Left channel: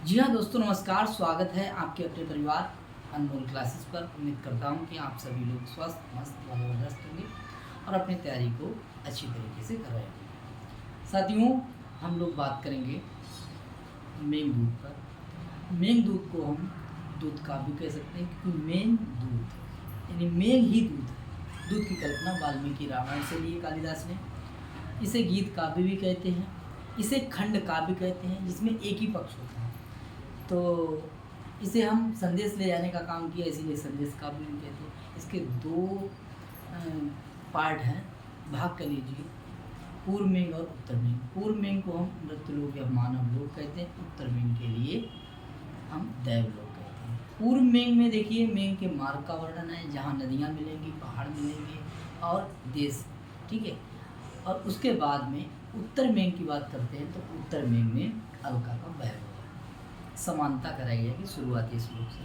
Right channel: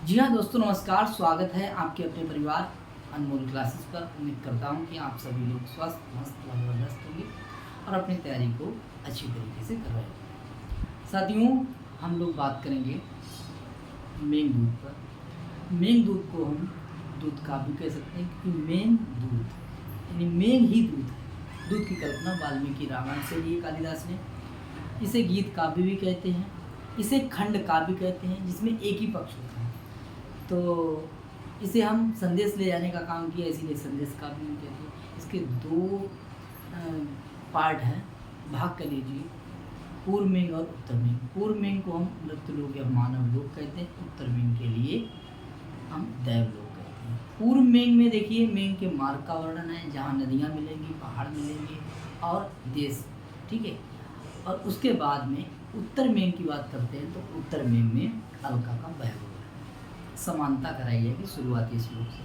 जी हाँ दोस्तों, नमस्कार। स्वागत है आपके अपने परिवार अनमोल क्लासेस पर। उम्मीद करता हूँ कि आप सभी लोग स्वस्थ मस्त व ज़बरदस्त होंगे और अपनी तैयारी को अच्छी तरीके से कर रहे होंगे। साथियों, हम लोग बात करेंगे मेघदूत पर। मेघदूत को हम दूध का भी कह सकते हैं, क्योंकि मेघ दूत यानी मेघ ही दूत है। दूध की कल्पना वाल्मीकि रामायण से ली है कालिदास ने। इसे गीत काव्य भी कहते हैं, इसे खंड काव्य कहते हैं, जिसमें एक ही पक्ष होता है। तो इसे हम संदेश ले जाने का काम किया, इसीलिए संदेश काव्य भी कहते हैं। इसके दो पार्ट हैं, भाग कर लीजिए, पूर्व मेघ और उत्तर मेघ। पूर्व मेघ को हम मृत्यु लोक या मानव लोक कहते हैं, उत्तर मेघ के लिए हम दैव लोक कहते हैं। पूर्व मेघ में देखिए, मेघ के मार्ग का वर्णन है, जहाँ नदियाँ मिलेंगी, पहाड़ मिलेंगे और देश, ठीक है। और उसके बाद में उत्तर मेघ की बात करते हैं, तो उत्तर मेघ में अलका का वैभव है। समानता कराई जाएगी शुरुआती श्लोक से।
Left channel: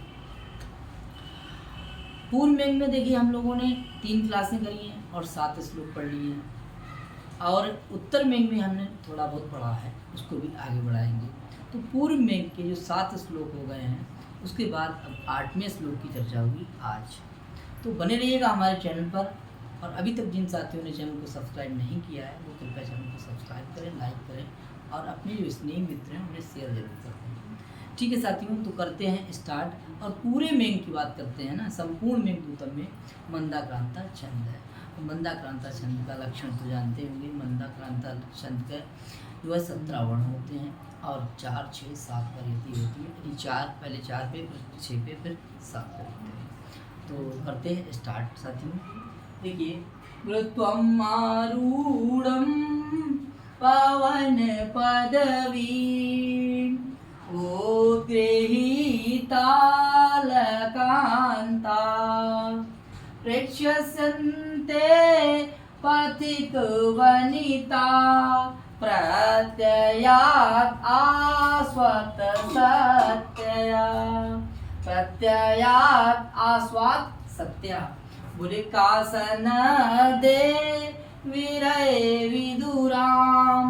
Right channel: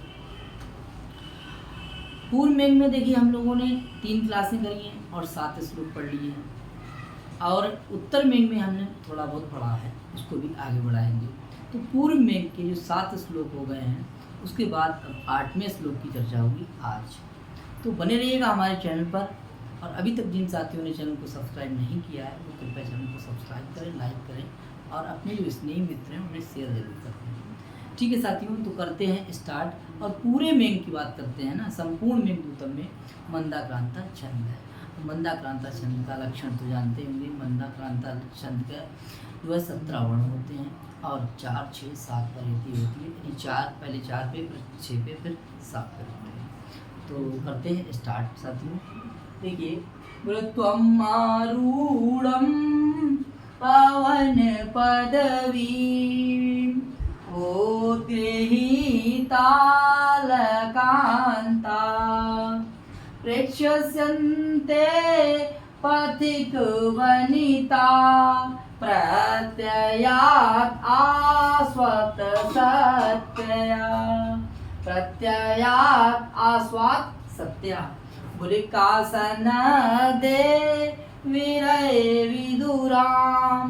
पूर्व मेघ में देखिए, हम लोगों ने 3 क्लासें करी हैं और 7 श्लोक पढ़ लिए हैं। और उत्तर मेघ में हमने थोड़ा बहुत पढ़ा है, उसको भी आगे बढ़ाएंगे। तो पूर्व मेघ के जो 7 श्लोक हो गए हैं, उसके बाद अब 8वें श्लोक की चर्चा होगी आज। तो बने रहिएगा हमारे चैनल पर। और अभी तक जिन साथियों ने चैनल को सब्सक्राइब नहीं किया है, वो कृपया चैनल को सब्सक्राइब करें, लाइक करें और अपने जो स्नेही मित्र हैं उन्हें शेयर जरूर करें। ठीक है साथियों, तो करते हैं स्टार्ट। और पूरे मेघ की बात करते हैं ना। संपूर्ण मेघदूतम में मंदाक्रांता छंद है। तो मंदाक्रांता छंद का लक्षण तो जानते होंगे। मंदाक्रांता छंद का जो है 17 वर्ण होते हैं और 4, 6, 7 पर यति होती है। यानी 4 पहले 4 पे, फिर 6 पे, फिर 7 पे होते हैं। तो करते हैं स्टार्ट साथियों। देखिए, त्वम् आरूढ़ं पावन पदवी ओ गृहीतालकान्ता प्रेक्ष्यन्ते पथिक वनिता प्रत्ययात् आस्वात् सत्यया। प्रत्ययात् आस्वात् सत्या। बोले कासन दे विरय विदुराम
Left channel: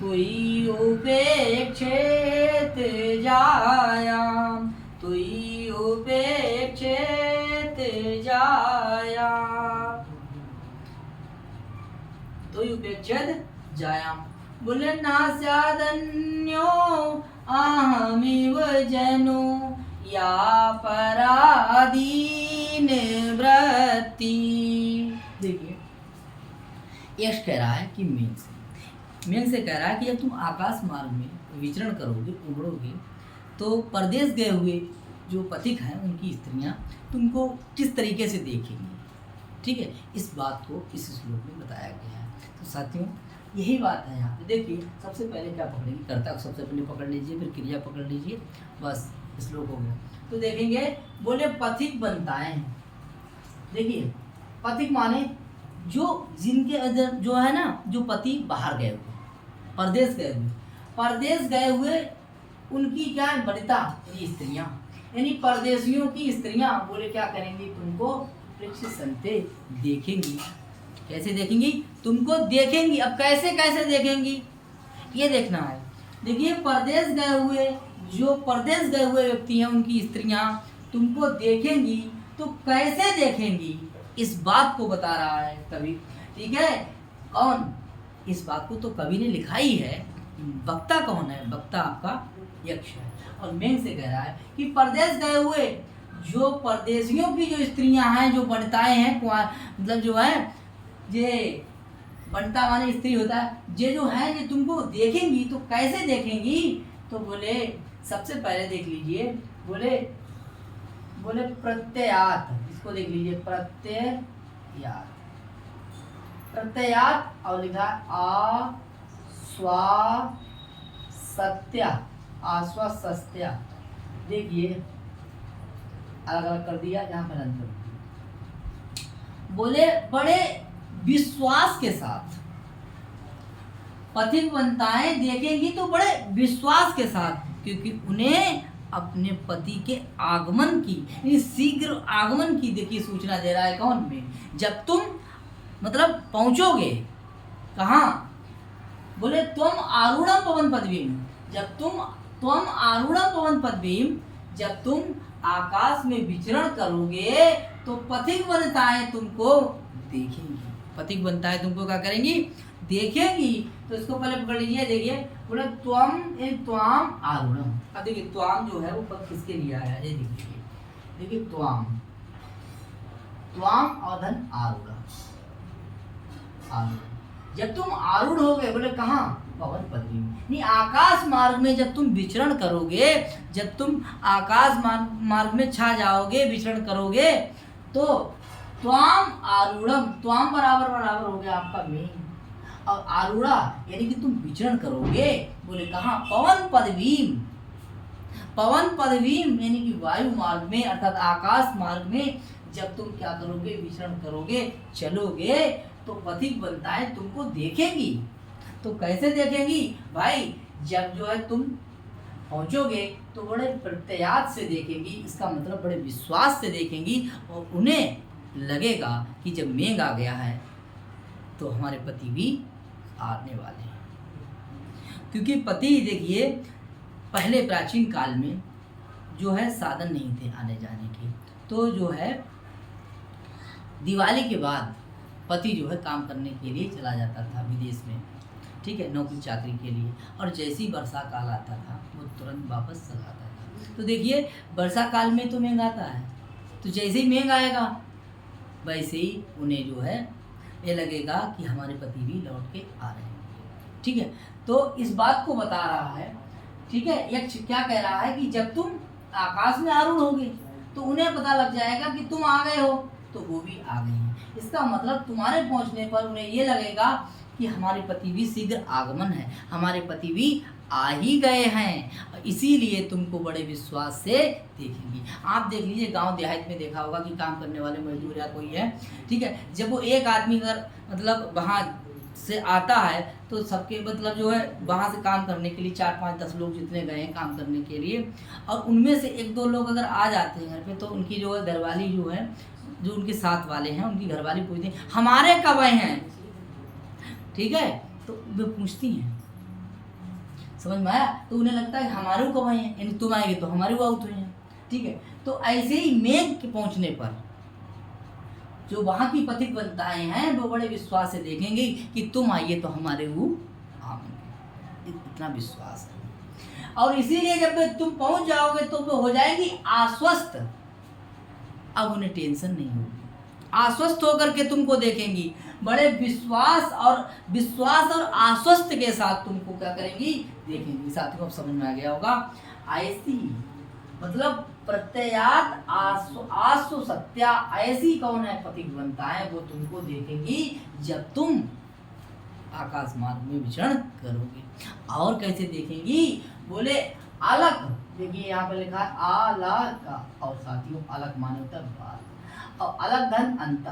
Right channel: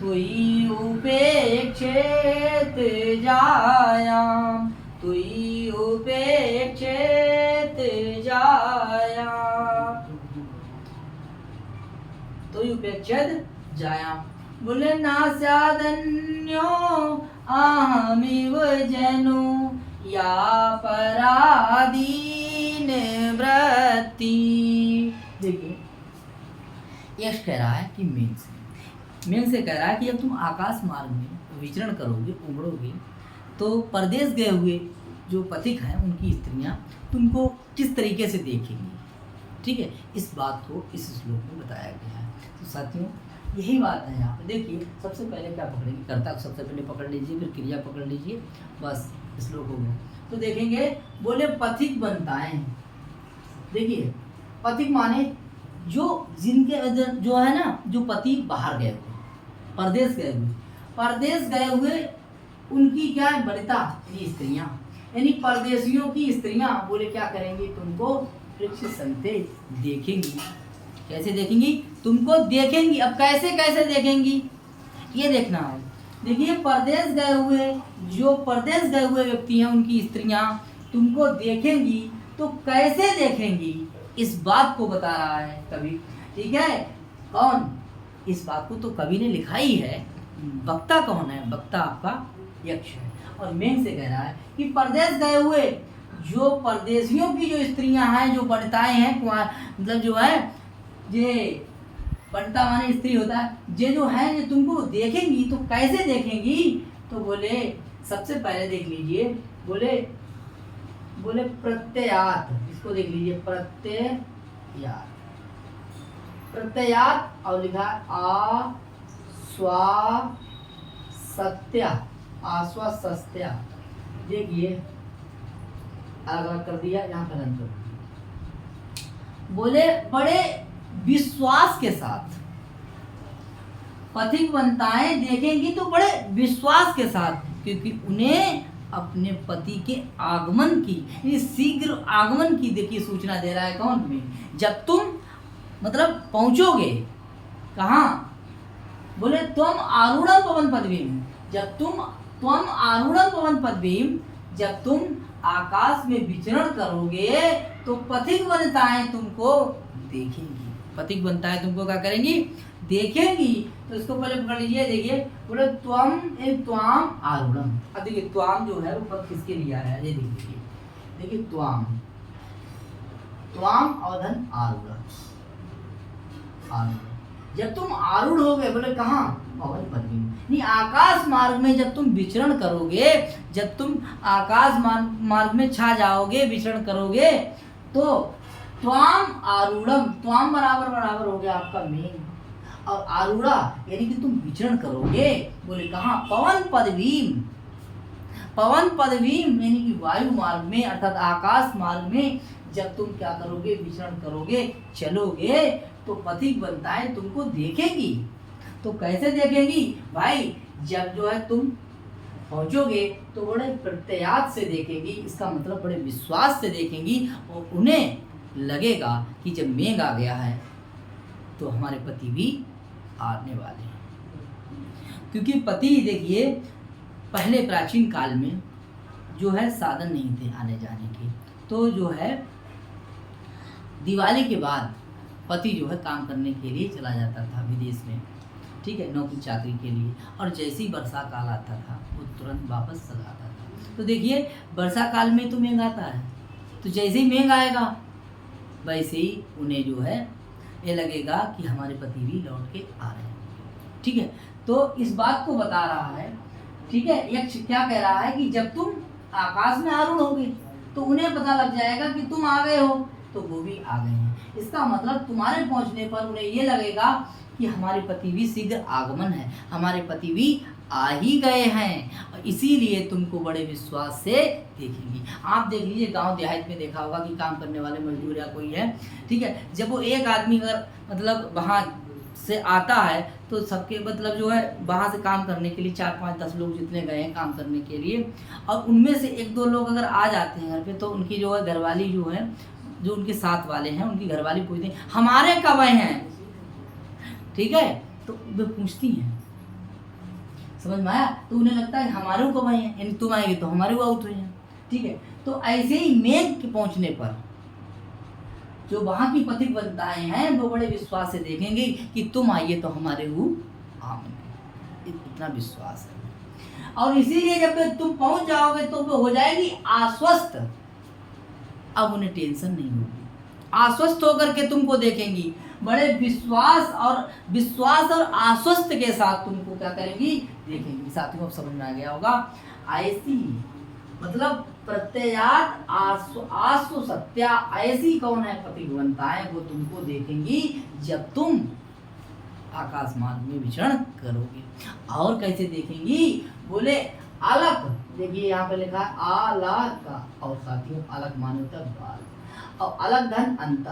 तुई उपेक्षेत जायाम। तुई उपेक्षेत जायाम। तुई उपेक्षेत जायाम। बोले नास्यादन्यो अहमिव जनो या पराधीन वृत्ति। देखिए, यश कह रहा है कि मेघ से कह रहा है कि जब तुम आकाश मार्ग में विचरण करोगे, उमड़ोगे, तो परदेश गए हुए जो पथिक हैं, उनकी स्त्रियां तुमको किस तरीके से देखेंगी। ठीक है, इस बात को इस श्लोक में बताया गया है। तो साथियों, यही बात है यहाँ पे। देखिए, सबसे पहले क्या पकड़ेंगे, कर्ता को सबसे पहले पकड़ लीजिए, फिर क्रिया पकड़ लीजिए, बस श्लोक हो गया। तो देखेंगे, बोले पथिक बनताएं। देखिए, पथिक माने जो जिनके अदर जो है ना, जो पति बाहर गए हुए, परदेश गए हुए, परदेश गए हुए उनकी क्या है, वनिता यानी स्त्रियां, यानी परदेशियों की स्त्रियां बोले क्या करेंगी, तुमको प्रेक्ष्यन्ते देखेंगी। कैसे देखेंगी, तुमको देखेंगी। अब कैसे कैसे देखेंगी, ये देखना है। देखिए, परदेश गए हुए, जो परदेश गए हुए व्यक्ति हैं, उनकी स्त्रियां तुमको देखेंगी। तो कैसे देखेंगी, इस बात को बता रहा है कवि। ठीक है, कौन, इस बात को तो कवि ने लिखा ही है। वक्ता कौन है, वक्ता आपका यक्ष है। और मेघ से कह रहा है कि परदेश गए हुए जो परदेशियों की जो स्त्रियां हैं, जो वनिताएं हैं, मतलब जो है, ये वनिता माने स्त्री होता है, ये जो है ये तुमको देखेंगी। तो कैसे देखेंगी, तो बोले सबसे पहले देख लीजिए, बोले प्रत्ययात। इसको देख लीजिए, प्रत्ययात। प्रत्ययात और लिखा आस्वासत्या, आश्वासत्या। देखिए, अलग अलग कर दिया, यहाँ पर अंतर। बोले बड़े विश्वास के साथ पथिक वनिताएं देखेंगी, तो बड़े विश्वास के साथ, क्योंकि उन्हें अपने पति के आगमन की, शीघ्र आगमन की देखिए सूचना दे रहा है। कौन में, जब तुम मतलब पहुंचोगे कहाँ, बोले तुम आरूढ़ पवन पदवी में, जब तुम त्वम आरूढ़ पवन पदवीम, जब तुम आकाश में विचरण करोगे तो पथिक वनिताएं तुमको देखेंगी। पथिक वनिताएं तुमको क्या करेंगी? देखेंगी। तो इसको पहले पकड़ लीजिए, देखिए बोले त्वम त्वाम आरूढ़म। अब देखिए त्वाम जो है वो पद किसके लिए आया है, ये देखिए, देखिए त्वाम, त्वाम और धन आरूढ़, आरूढ़। जब तुम आरूढ़ हो गए, बोले कहाँ? पवन पदवी में, नहीं आकाश मार्ग में जब तुम विचरण करोगे, जब तुम आकाश मार्ग में छा जाओगे, विचरण करोगे, तो त्वाम आरूढ़म, त्वाम बराबर बराबर हो गया आपका मेघ, और आरूढ़ा यानी कि तुम विचरण करोगे, बोले कहाँ? पवन पदवीम, पवन पदवीम यानी कि वायु मार्ग में अर्थात आकाश मार्ग में जब तुम क्या करोगे? विचरण करोगे, चलोगे, तो पथिक वनिताएं तुमको देखेंगी। तो कैसे देखेंगी भाई? जब जो है तुम पहुंचोगे तो बड़े प्रत्यात से देखेंगी, इसका मतलब बड़े विश्वास से देखेंगी, और उन्हें लगेगा कि जब मेघ आ गया है तो हमारे पति भी आने वाले हैं। क्योंकि पति देखिए पहले प्राचीन काल में जो है साधन नहीं थे आने जाने के, तो जो है दिवाली के बाद पति जो है काम करने के लिए चला जाता था विदेश में, ठीक है, नौकरी चाकरी के लिए, और जैसे ही वर्षा काल आता था वो तुरंत वापस चला आता था। तो देखिए वर्षा काल में तो मेघ आता है, तो जैसे ही मेघ आएगा वैसे ही उन्हें जो है ये लगेगा कि हमारे पति भी लौट के आ रहे हैं, ठीक है। तो इस बात को बता रहा है, ठीक है, यक्ष क्या कह रहा है कि जब तुम आकाश में आरूढ़ होगे तो उन्हें पता लग जाएगा कि तुम आ गए हो, तो वो भी आ गए हैं। इसका मतलब तुम्हारे पहुंचने पर उन्हें ये लगेगा कि हमारे पति भी शीघ्र आगमन है, हमारे पति भी आ ही गए हैं, इसीलिए तुमको बड़े विश्वास से देखेंगी। आप देख लीजिए गांव देहात में देखा होगा कि काम करने वाले मजदूर या कोई है, ठीक है, जब वो एक आदमी अगर मतलब वहाँ से आता है तो सबके मतलब जो है वहाँ से काम करने के लिए 4-5-10 लोग जितने गए हैं काम करने के लिए, और उनमें से 1-2 लोग अगर आ जाते हैं घर पे, तो उनकी जो है घरवाली जो है, जो उनके साथ वाले हैं, उनकी घरवाली पूछती हैं हमारे कब आए हैं, ठीक है, तो वे पूछती हैं, समझ में आया? तो उन्हें लगता है हमारे कब आए हैं, यानी तुम आएगी तो हमारे को आउट हुए हैं, ठीक है। तो ऐसे ही मेघ के पहुंचने पर जो वहाँ की पथिक वनिताएं हैं वो बड़े विश्वास से देखेंगे कि तुम आइए तो हमारे वो आएंगे, इतना विश्वास है। और इसीलिए जब तुम पहुंच जाओगे तो वो हो जाएगी आश्वस्त, अब उन्हें टेंशन नहीं होगी, आश्वस्त होकर के तुमको देखेंगी, बड़े विश्वास और आश्वस्त के साथ तुमको क्या करेंगी? देखेंगी। साथियों अब समझ में आ गया होगा, ऐसी मतलब प्रत्ययात आसु सत्या, ऐसी कौन है पथिक वनिताएं, वो तुमको देखेंगी जब तुम आकाश मार्ग में विचरण करोगे। और कैसे देखेंगी? बोले अलग, देखिए यहाँ पे लिखा है अलग का, और साथियों अलग माने होता है बाल, और अलग धन अंत,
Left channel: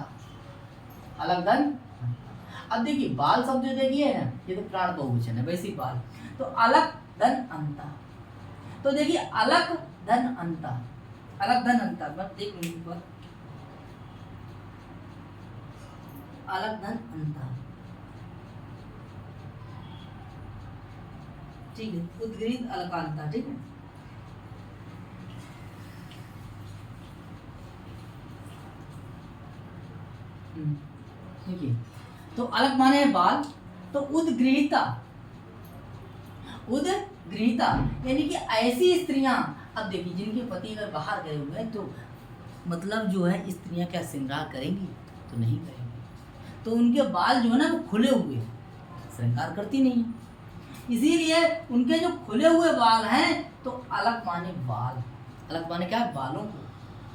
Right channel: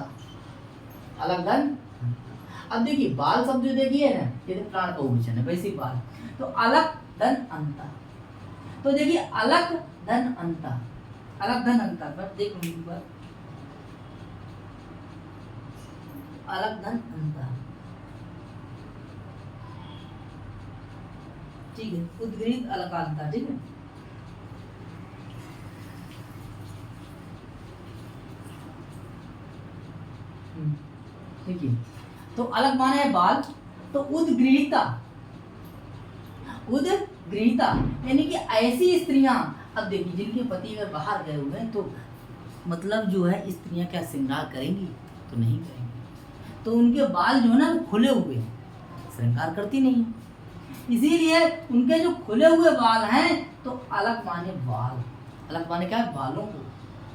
अलग धन अंत। अब देखिए बाल शब्द जो देखिए ना, ये तो प्राण बहुवचन है, वैसे बाल, तो अलग धन अंत, तो देखिए अलग धन अंत, अलग धन अंत, बस देख लीजिए पर अलग धन अंत, ठीक है, उद्गृहित अलकांता, ठीक है। देखिए तो अलग माने है बाल, तो उद्गृहिता, उद्गृहिता यानी कि ऐसी स्त्रियां, अब देखिए जिनके पति अगर बाहर गए हुए हैं तो मतलब जो है स्त्रियां क्या श्रृंगार करेंगी? तो नहीं करेंगी, तो उनके बाल जो है ना खुले हुए, श्रृंगार करती नहीं है, इसीलिए उनके जो खुले हुए बाल हैं तो अलग माने बाल, अलग माने क्या है? बालों को,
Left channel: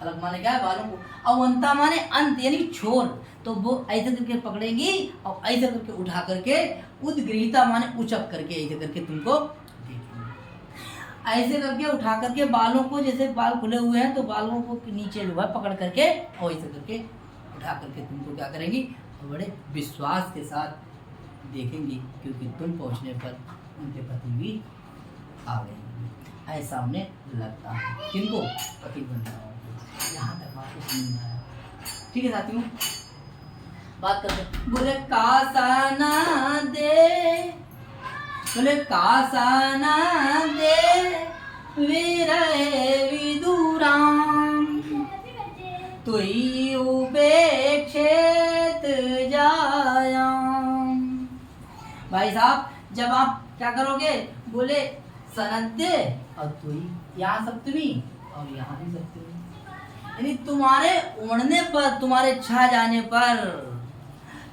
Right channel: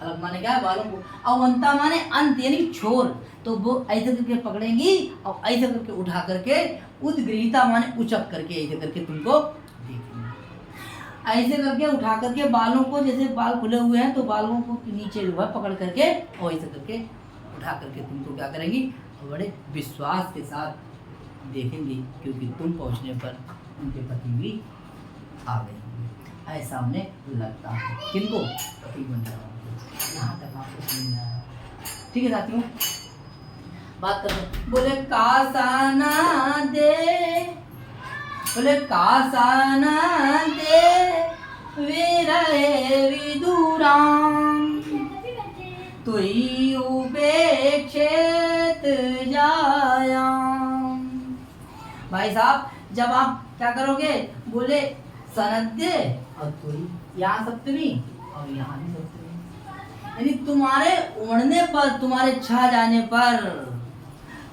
अलग माने क्या है? बालों को, और अंता माने अंत यानी छोर, तो वो ऐसे करके पकड़ेंगी और ऐसे करके उठा करके, उद्गृहिता माने उचक करके ऐसे करके तुमको देखेंगे, ऐसे करके उठा करके बालों को, जैसे बाल खुले हुए हैं तो बालों को नीचे जो है पकड़ करके और ऐसे करके उठा करके तुमको क्या करेंगी? बड़े विश्वास के साथ देखेंगी, क्योंकि तुम पहुंचने पर उनके पति भी आ गए, ऐसा उन्हें लगता है। किनको? पति बन रहा हूँ। यहाँ तक आपको समझ में आया, ठीक है साथियों? बात करते बोले कासाना दे बोले कासन दे विरहे विदुराम तुई उपेक्षित जायाम। भाई साहब जब आप क्या करोगे, बोले सनद्य और तुई, यहाँ सप्तमी और यहाँ भी सप्तमी, यानी तुम्हारे उड़ने पर, तुम्हारे छा जाने पर,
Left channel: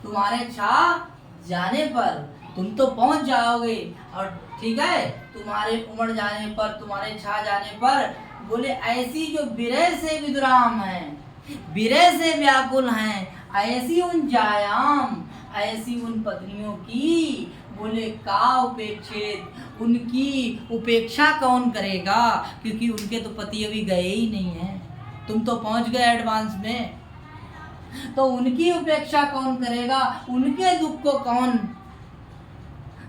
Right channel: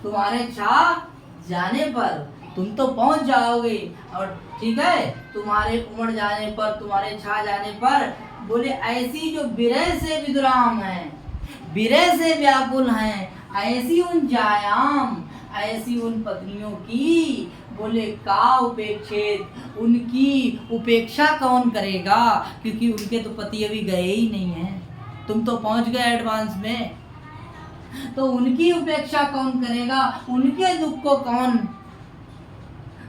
तुम्हारे छा जाने पर तुम तो पहुंच जाओगे, और ठीक है तुम्हारे उमड़ जाने पर, तुम्हारे छा जाने पर, बोले ऐसी जो विरह से विद्राम है, विरह से व्याकुल हैं, ऐसी उन जायाम, ऐसी उन पत्नियों की, बोले का उपेक्षित, उनकी उपेक्षा कौन करेगा, क्योंकि उनके तो पति अभी गए ही नहीं हैं, तुम तो पहुंच गए एडवांस में, तो उनकी उपेक्षा कौन करेगा, उनके दुख को कौन,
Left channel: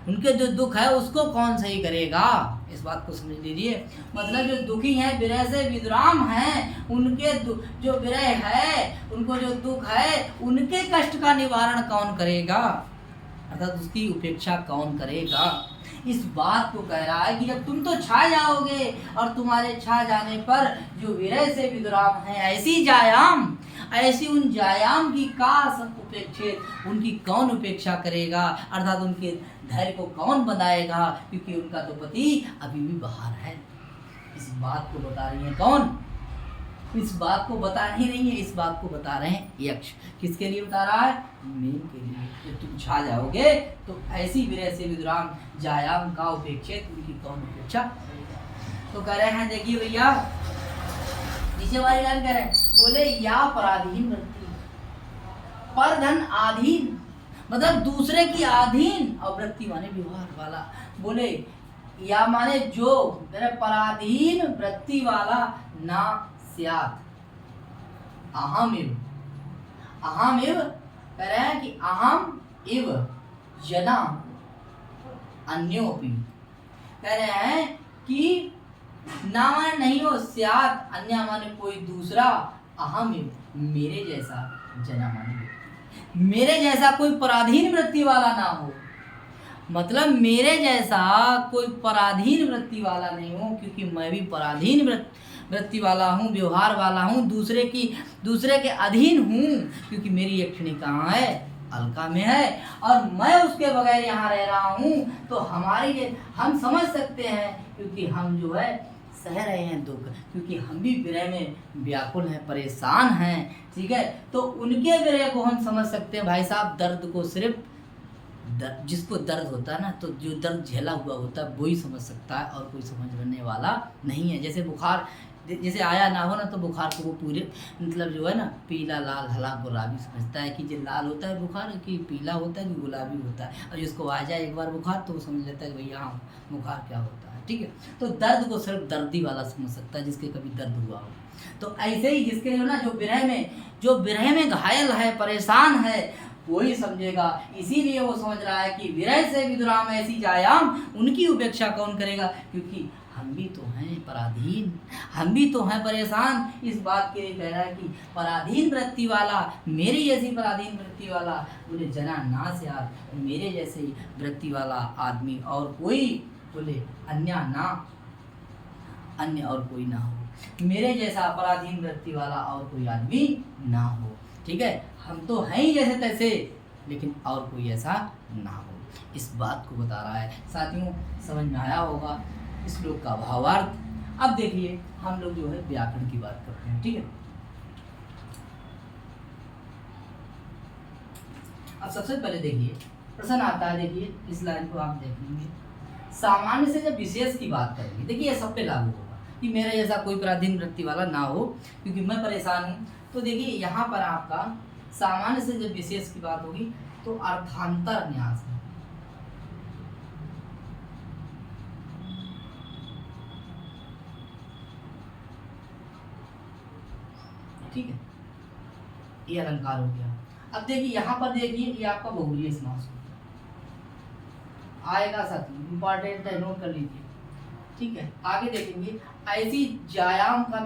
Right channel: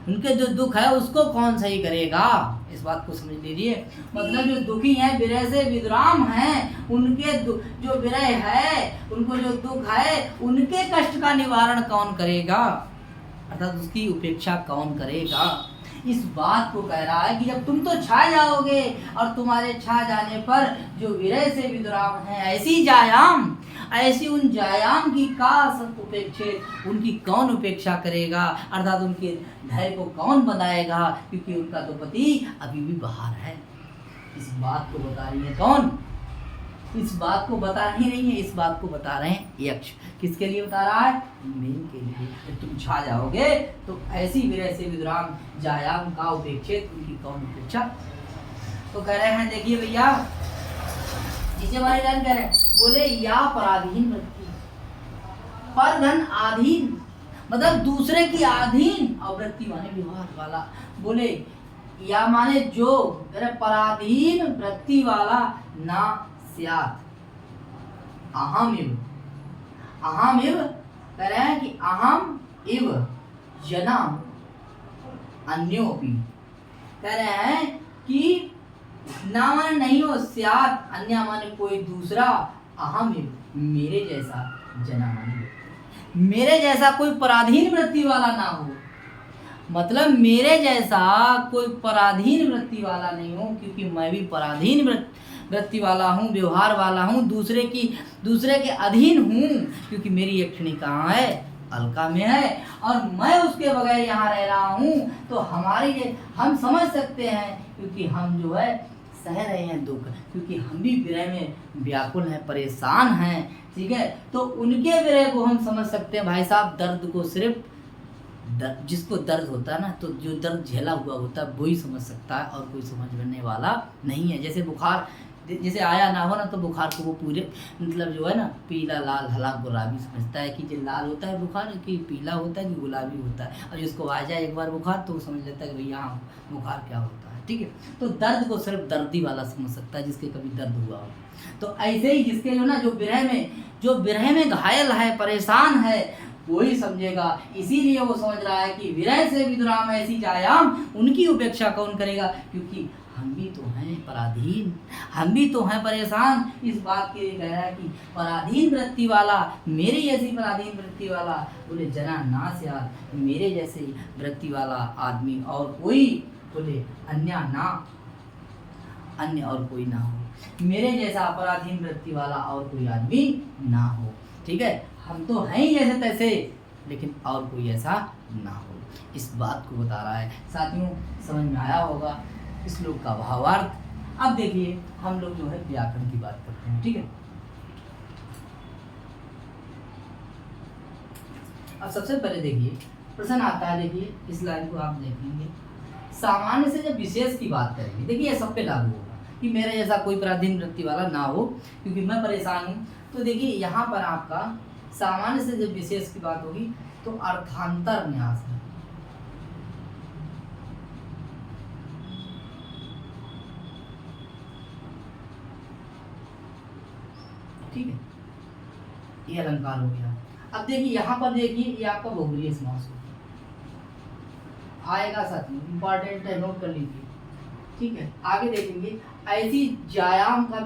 उनके जो दुख है उसको कौन सही करेगा, इस बात को समझ लीजिए। मतलब जो दुखी हैं, विरह से विद्राम हैं, उनके जो विरह है, उनको जो दुख है, उनके कष्ट का निवारण कौन करेगा, अर्थात उसकी उपेक्षा कौन करेगा, इस बात को कह रहा है कि जब तुम तो छा जाओगे और तुम्हारे छा जाने पर जो विरह से विद्राम है, ऐसी जायाम, ऐसी उन जायाम की का सब उपेक्षित, उनकी कौन उपेक्षा करेगा, अर्थात उनके धैर्य को कौन बनाएगा, क्योंकि उनका तो पति अभी भी बाहर है। इस बात को बता रही है कौन, इस बात को बता ही नहीं है, इस बात को बता रहे हैं यक्ष। किसके लिए बता रहा है, मीन के लिए। जब तुम छा जाओगे तो ऐसी विरह से विद्राम जायाम का उपेक्षित, उनकी कौन उपेक्षा। तो कह रहे हैं, देखिए भैया नीचे वाले लाइन कह रहे हैं, बोले या पराधीन वृत्ति, पर धन आधीन, मतलब दूसरे की आधीन, और वृत्ति माने व्यवहार वाला, बोले या माने जो मेरा पराधीन वृत्ति वाला ना स्यात्, अहम इव, अहम इव कह रहे हैं कि अहम इव जना अन्योपि, कह रहे हैं कि ना माने नहीं हो, स्यात् अन्य माने कोई दूसरा, अहम इव मेरे जैसा, जना माने मेरे जैसा कोई पराधीन वृत्ति वाला ना हो, मतलब मेरे जैसा कोई पराधीन वृत्ति वाला नहीं हो, क्योंकि मैं भी पराधीन वृत्ति वाला हूँ, व्यवहार वाला हूँ, दूसरे के अधीन हूँ, क्योंकि मेरी यक्षिणी कहाँ है, अलका में है, और मैं उसके बगैर यहाँ रह रहा हूँ, तो हमारी हम समझ सकते हैं, क्योंकि हम जो है सह रहे हैं दुख, क्योंकि हम भी विरह में व्याकुल हैं, परेशान हैं, ठीक है। तो उनके विरह को हम समझ सकते हैं भाई साहब। दर्द को सिर्फ जिसको दर्द होता है ना, तो जो दर्द झेला हुआ होता है वही समझ सकता है, और कोई समझने वाला नहीं है। जैसे बुखार जैसे आया ना हो ना, तो बुखार को वो पूरे मतलब जो है ना, पीला लाल हला गुलाबी समझता है कि जो लाल होता है बुखार, कि पीला होता है कि गुलाबी होता है, और जिसको आ जाए एक बार बुखार तो वो समझ लेता है कि भैया हाँ बुखार क्या होता है, ठीक है। तो दर्द को सिर्फ दर्दी वाला समझ सकता है, जिसके कभी दर्द हुआ हो। तो ऐसे ही जिसके जो ना जो विरह में घायल है, परेशान है, वही समझेगा। इसीलिए वो समझ रहा है कि विरह से विद्राम ऐसी जायाम, उनकी उपेक्षा कौन करेगा, क्योंकि हम भी तो हैं पराधीन, हम भी तो हैं परेशान। इस बात के लिए कह रहा है कि पराधीन वृत्ति वाला, मेरी जैसी पराधीन वृत्ति वाला, बोले जना ना स्यात्, मेरे जैसे वृत्ति वाला आदमी और कोई, बोले अन्य ना, अन्य और कोई ना हो, मेरे जैसा पराधीन वृत्ति वाला और कोई आदमी ना हो, ठीक है। हम तो हैं ही जैसे तैसे, लेकिन और कोई ऐसा ना हो, इस बात को बता रहा है। साथियों समझ में आया होगा इस श्लोक का भावार्थ। अब देखिए हम लोग जो है व्याकरण की बात करते हैं, ठीक है। अब सबसे पहले देखिए प्रश्न आता है, देखिए इस लाइन को आप देखेंगे, सामान्य से जब विशेष की बात करेंगे, देखिए ये सब पे लागू होगा कि मेरे जैसा कोई पराधीन वृत्ति वाला ना हो, क्योंकि मैं परेशान हूँ। तो देखिए यहाँ पर आपका सामान्य से जब विशेष की बात होगी तो अर्थांतर न्यास है, ठीक है, ये अलंकार हो गया। अब देखिए यहाँ पर देखिए ये आपका बहुब्रीहि समास आएगा, साथी इंपॉर्टेंट है, नोट कर लीजिए, ठीक है। आगे देखेंगे ऐसी जायाम का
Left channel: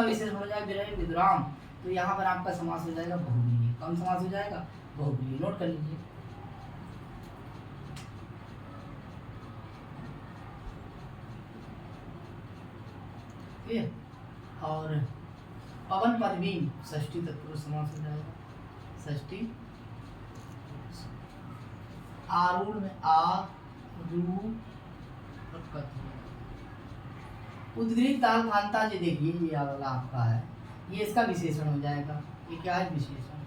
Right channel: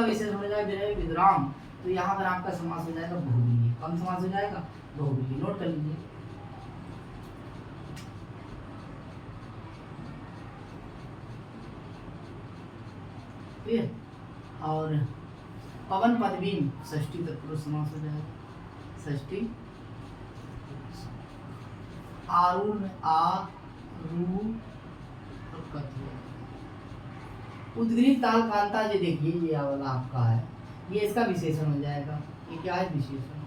विशेष हो जाए विरह विद्राम, तो यहाँ पर आपका समास हो जाएगा बहुब्रीहि। कौन समास हो जाएगा, बहुब्रीहि, नोट कर लीजिए। ठीक है। और पवन पदवीन षष्ठी तत्पुरुष समास हो जाएगा, षष्ठी। आरूढ़ में उद्गीत ताल कांता जी देखिए, ये वाला आपका है, ये इसका विशेषण हो जाएगा। ये क्या है? विशेषण।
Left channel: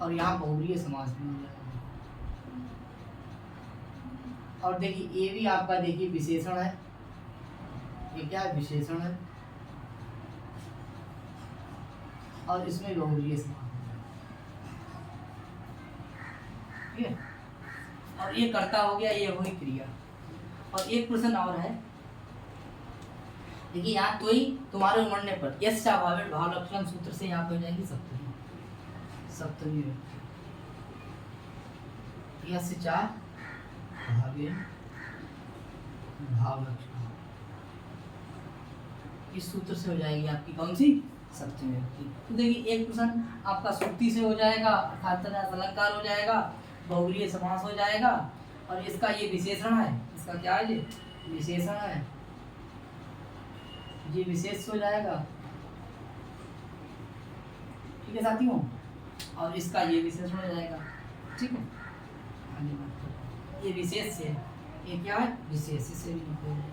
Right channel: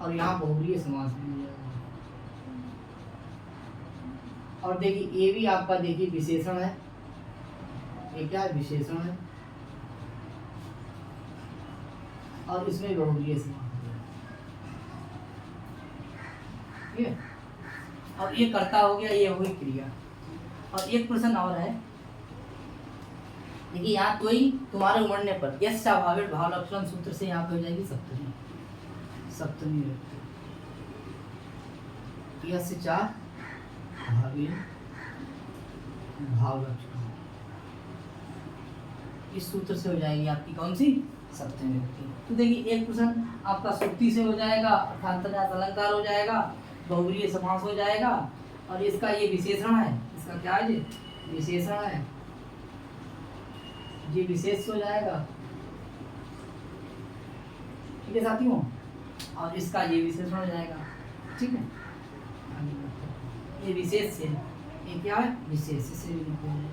और यहाँ बहुव्रीहि समास में हो जाएगा। और देखिए ये भी आपका देखिए विशेषण है, ये क्या है? विशेषण है। और इसमें बहुव्रीहि समास हो जाएगा, ठीक है। अब ये कर्ता हो गया, ये हुई क्रिया। और एक प्रश्न और है, देखिए यहाँ तो ही तुम्हारे उमड़ने पर यश भावे भाव लक्षण सूत्र से यहाँ पे हो जाएगी सप्तमी, सप्तमी व्यक्ति। यश चार भावे भाव लक्षण, इस सूत्र से हो जाएगी आपकी कौन सी? सप्तमी व्यक्ति। तो देखिए एक प्रश्न आपका सुक्ति से हो जाएगा, अर्थात अलंकार हो जाएगा, बहुव्रीहि समास हो जाएगा। और इसका ये विशेषण है, इसका क्या है? ये विशेषण है, ये विशेष हो जाएगा, ठीक है साथियों। और इसका ये विशेषण हो जाएगा, ठीक है। ये विशेष से, ये क्या है? विशेष से भी हो जाएगा।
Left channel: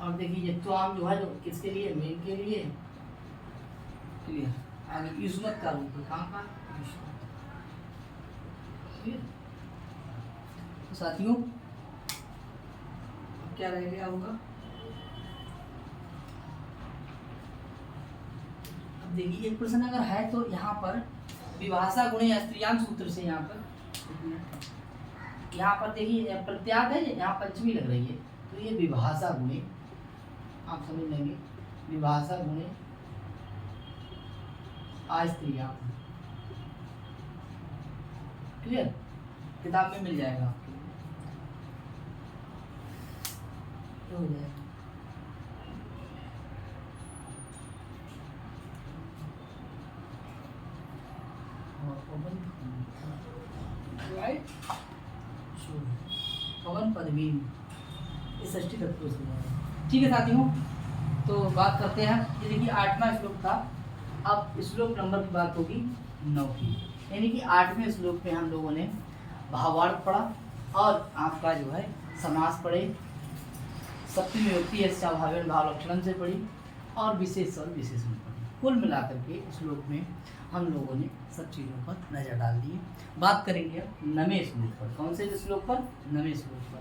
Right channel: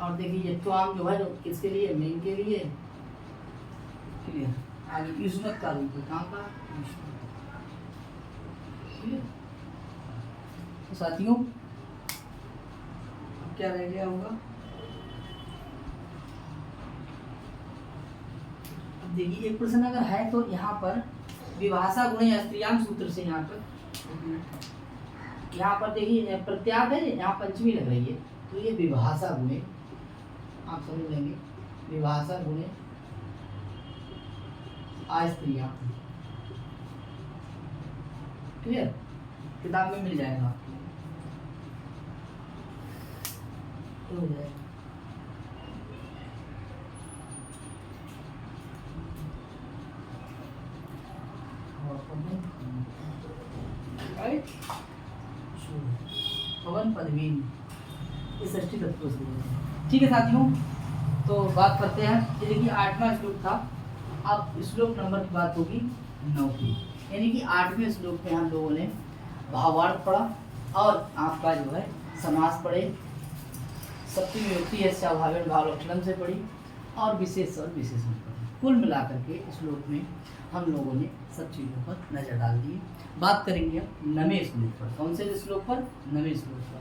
और देखिए यत्वाम जो है, जो किसके लिए? मेन के लिए, क्लियर। आगे युष्मत का रूप है, कहाँ का? युष्मत। तो साथियों अब क्या रह गया होगा? अब देखिए एक प्रश्न अगर है तो यहाँ पर विभाषा गुणे स्त्रियां सूत्र से यहाँ पर देखिए प्रत्यात है, यहाँ पंचमी लग रही है, तो ये विभाषा गुणे आप समझ लेंगे, विभाषा गुणे स्त्रियां, क्लियर। किताब में मिल जाएगा आपको, तो हो जाएगा। राइट, पवन पदवीन, ये षष्ठी तत्व से है, ठीक है साथियों। तो बात करते हैं, ये देखिए 8वां श्लोक था। अब श्लोक नंबर की बात होगी 9 की, यानी कि 8वें श्लोक में हम लोगों ने भावार्थ पढ़ा और आपका जो है समास पढ़े, सप्तमी विभक्ति भावे भाव लक्षण से पढ़ी और विशेष और विशेषण पढ़ी। कुल मिलाकर के श्लोक में हम लोगों ने सब चीज़ों पर नजर डाल दी। बात करेंगे अब 9वें श्लोक पर। कौन से श्लोक पर? 9वें श्लोक पर।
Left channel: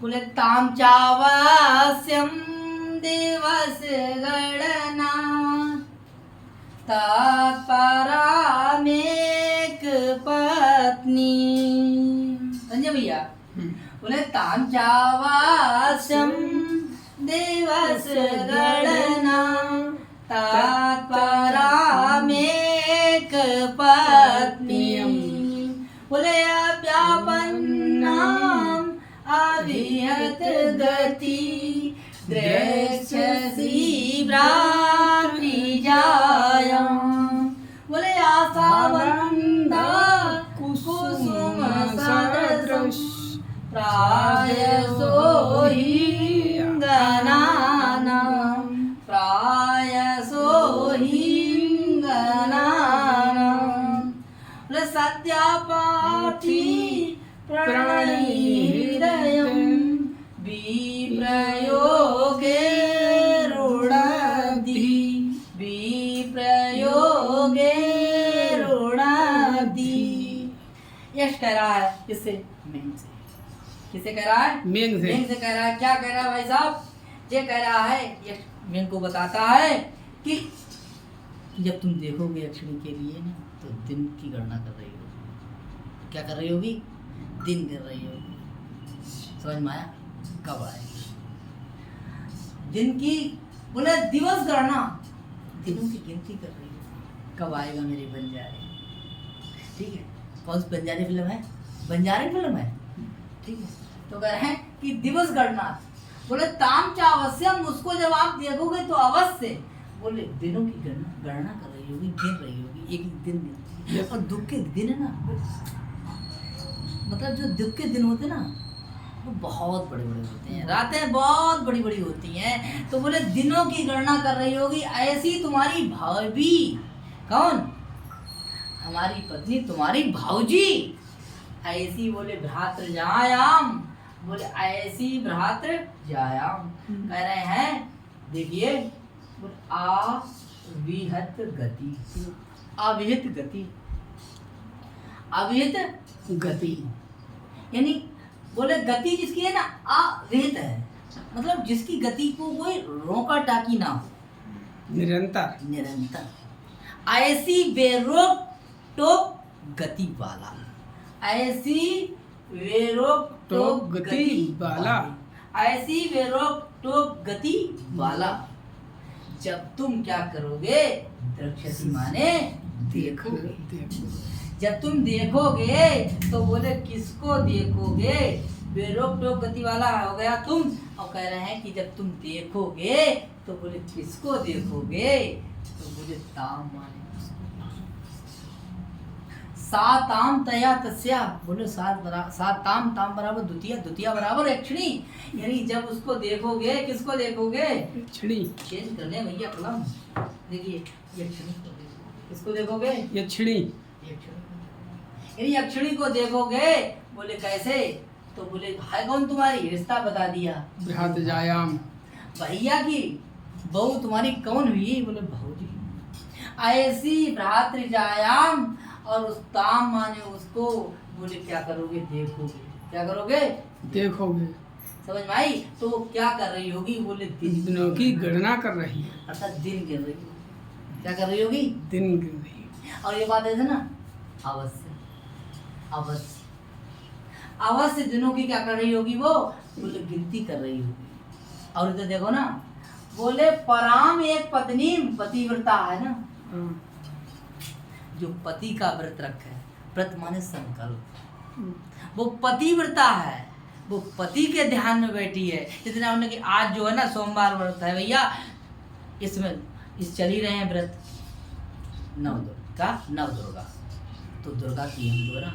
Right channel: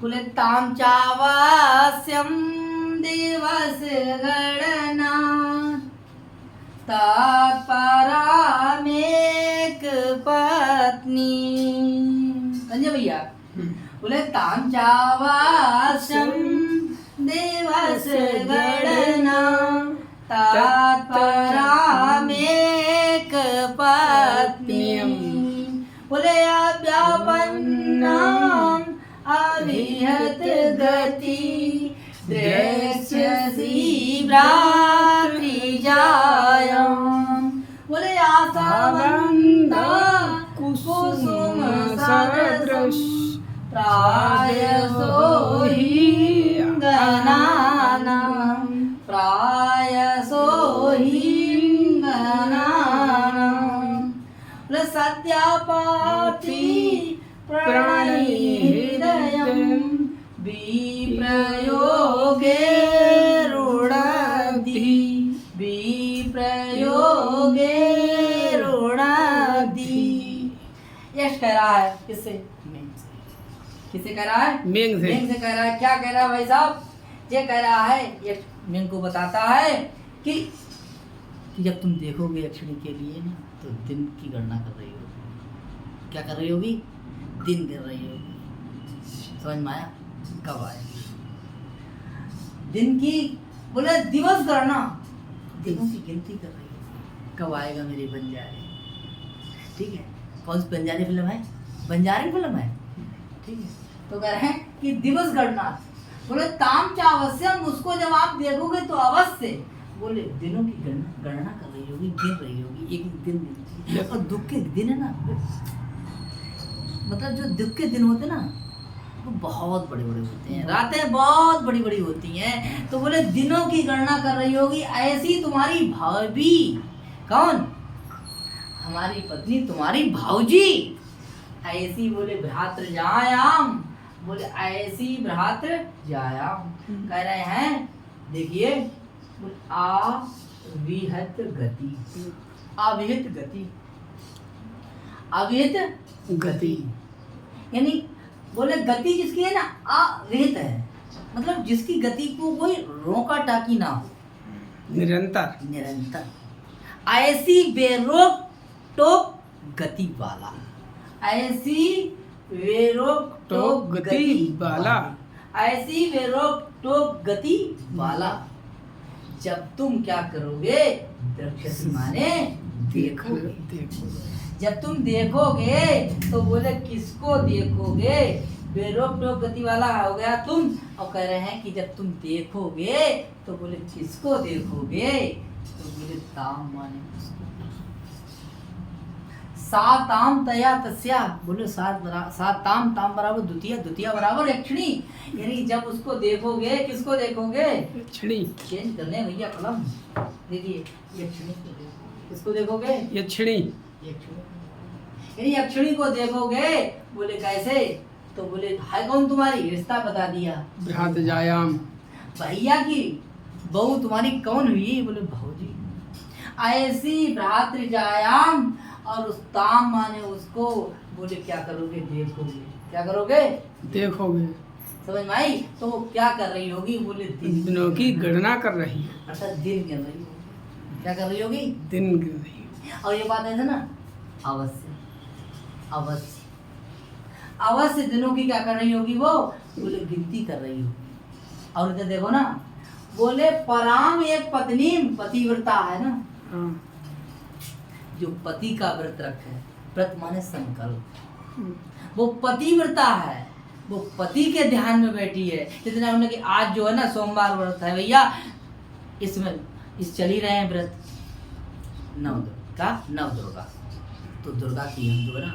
पुलतां चावास्यं दिवस गणना तात्परामेक पत्नी। संजय भैया, बोले तां चावास्यं दिवस गणना तात्परामेक पत्नी। बोले अव्यापन्नाम अभिहत गति दृश्यसी भ्रातृजायां। बोले आशावन्ता कुसुम सदृश प्रायसो हिंगनानां, प्रायसो हिंगनानां। बोले सत्यापाठी प्रणयहृदयं विप्रयोगे रुणाब्धि, विप्रयोगे रुणाब्धि। यश कह रहा है किससे? मेन से। किससे कह रहा है? मेन से। मेन से कह रहा है। क्या कह रहा है भाई साहब? ये कह रहा है, यश मेन को बताता है कि जब तुम देखोगे अक्षरी के लिए ना, तो दिन की गणना कर रही होगी। क्या कर रही होगी? दिन कर रही होगी। समझ में आया? कब आएगी दिन की? बोले दिवस गणना, दिनों की गिनती कर रही है, कब आएगा मेरे बंजारे। ठीक है, कौन सी बंजारी फिल्म है? बंजारी फिल्म है, ठीक है। तो कह रहे हैं कि दिवस गणना। बोले ताम चावस्यम, उसको जब आप देखोगे तो अवश्य, बोले दिनों की गणना कर रही होगी, गिन रही होगी, एक एक दिन गिनती है। और दुख के दिन है ना, मतलब जो दुख के दिन होते ना वो बहुत बड़े बड़े होते हैं, रातें बहुत बड़ी बड़ी होती हैं। तो बोले दिनों की गणना कर रही होगी, ऐसी तुम्हारी भाभी, कौन? हमारी पत्नी, तुम्हारी भाऊजी, ऐसी बोले भ्रातृजायाम, बोले ऐसी भ्रातृजायाम कह रहे हैं। देखिए बोले अविहित गति, अविहित गति, अविहित गति, यानी बोले गति जिसकी है ना अविहित है, मतलब जिसकी गति को कोई रोका टाकी ना हो, निरंतर, निरंतर, ऐसी बेरोक टोक गति वाला, ऐसी बेरोक टोक गति वाला, ऐसी बेरोक टोक गति वाला। जब तुम क्या करोगे? द्रक्ष्यसि माने देखोगे। जब तुम देखोगे तो बोले किसको देखोगे? बेरोक टोक गति वाला हो गया तुम, और कह रहे हैं कि जब तुम देखोगे तो बोले किसको देखोगे? तो बोले ताम माने साताम तया तस्या, बोले सात ताम, ताम बराबर द्वितीय, द्वितीय बराबर यक्षिणी, यानी जब उसको देखोगे किसको देखोगे? यक्षिणी। चेंज करने भैया कलम, देखिए यक्षिणी को देखोगे, किसको देखोगे? यक्षिणी, यानी यक्षिणी को देखोगे। बोले कैसे? तो बोले है कौन तुम्हारी? रिश्ता बता दिया, भ्रातृजायाम, भैया की बहू तुम्हारी कौन हुई? बोले भाऊजी। ऐसी भ्रातृजायाम, और उस ताम माने उसको, बोले क्या करोगे? देखोगे। क्या करोगे? देखोगे। समझ में आई? तो वो क्या कर रही होगी? बोले दिनों की गणना कर रही है, अर्थात दिन कर रही होगी। क्या कर रही होगी? दिन गिन रही है। और ये बात है ना, अवश्य अवश्य अवश्य दिनों की क्या कर रही होगी? वो बोले गिनती कर रही होगी। और इधर देखो ना, बोले पराम एक पत्नी, पतिव्रता है ना, हाँ। जो पति का व्रत रखे, व्रत माने संकल्प, वो पतिव्रता है, वो पति के ध्यान में बैठी है। जितना हमने कि आज जो है ना सोमवार व्रत है भैया, इसमें इस चल ही रहे हैं व्रत नव दुर्गा, तो दुर्गा की हम जो है ना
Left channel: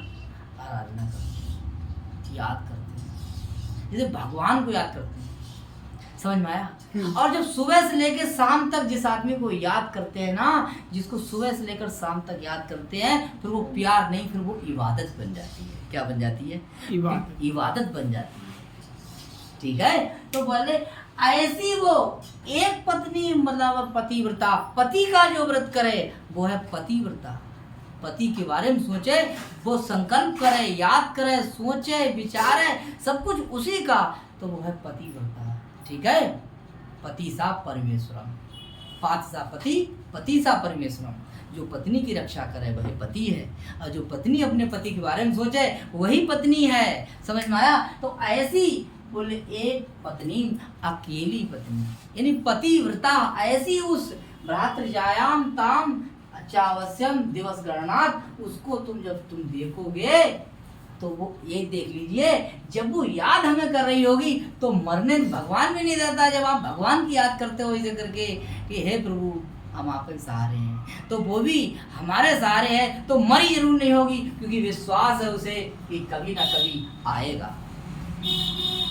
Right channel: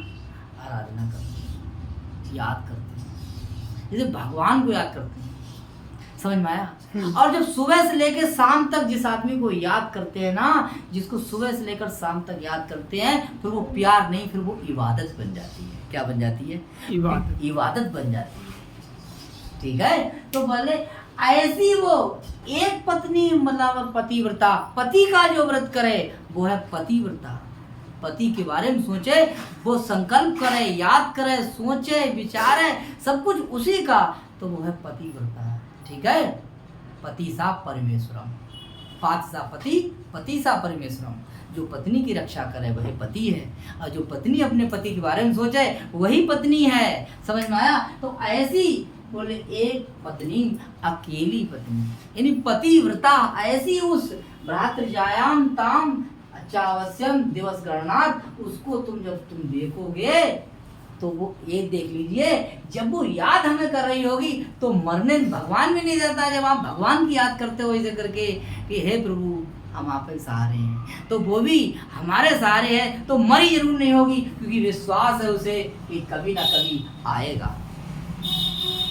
आराधना करते हैं, याद करते हैं, जैसे भगवान को याद करते हैं। समझ में आया? और जब सुबह से लेकर शाम तक जिस आदमी को याद करते हैं ना, जिसको सुबह से लेकर शाम तक याद करते हैं, फिर वो प्यार नहीं, फिर वो इबादत बन जाती है। क्या बन जाती है? इबादत बन जाती है। ठीक है? तो बोले ऐसी वो एक पत्नी, मतलब पतिव्रता, पति का जो व्रत करे वो है पतिव्रता। पति के बारे में सोचे, वो संकल्प करे, याद करे, सोचे, विचारे, सब कुछ उसी का, तो वो है पतिव्रता। ठीक है? पति सा परमेश्वरम, पात सा पति, पति सा परमेश्वरम। जो पत्नी की रक्षा करे वही पति है, और जो पत्नी अपने पति के बारे में सोचे वही पत्नी है। समझ में आया? तो ऐसी बोले एक पत्नी, अकेली पत्नी, यानी पतिव्रता, ऐसी उस भ्रातृजायाम ताम चावस्यम दिवस गणनाथ, उसको जब तुम देखोगे तो वो ये देख लीजिए, जब वो याद हमें कर रही होगी तो मरने भगवान भी नहीं देता। जब आप भगवान की याद करते हो ऐसे करके कि हे प्रभु हम आप ही सहारे हैं, तो वो भी हमारे सहारे है, तो मरी जरूर नहीं होगी, क्योंकि विश्वास है उसे कि कभी ना कभी आएगा,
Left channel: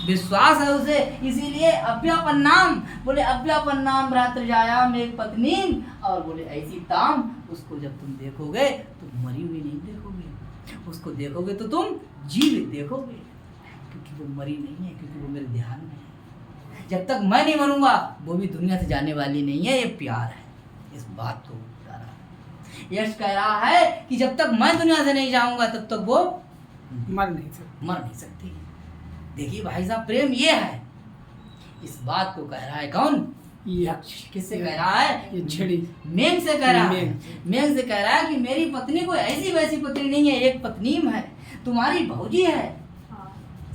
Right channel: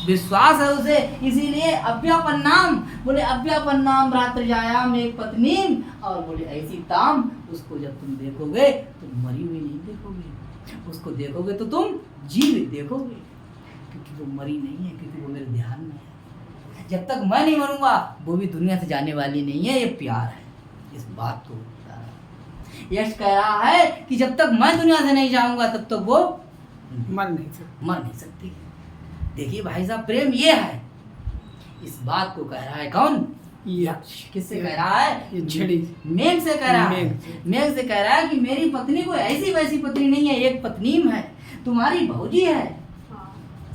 विश्वास है उसे। इसीलिए अव्यापन नाम, बोले अव्यापन नाम भ्रातृजायाम एक पत्नी, और बोले ऐसी ताम, उसको जब तुम देखोगे तो मरी हुई नहीं देखोगे, उसको देखोगे तो तुम जीवित देखोगे, क्योंकि वो मरी नहीं है, क्योंकि वो मेरे ध्यान में है। जब तक मैं नहीं मरूंगा वो भी दुनिया से जाने वाली नहीं है। ये प्यार है, इस बात को बता रहा है। यश कह रहा है कि जब तक मैं दुनिया से नहीं जाऊंगा तब तक वो मर नहीं सकती। देखिए भाई साहब, प्रेम ये है, इस बात को कह रहा है कौन? यक्ष। किससे कह रहा है? मेघ से कह रहा है। मेघ से कह रहा है कि मेरी पत्नी कोई ऐसी वैसी पत्नी नहीं है, एक पत्नी है, तुम्हारी भौजी है।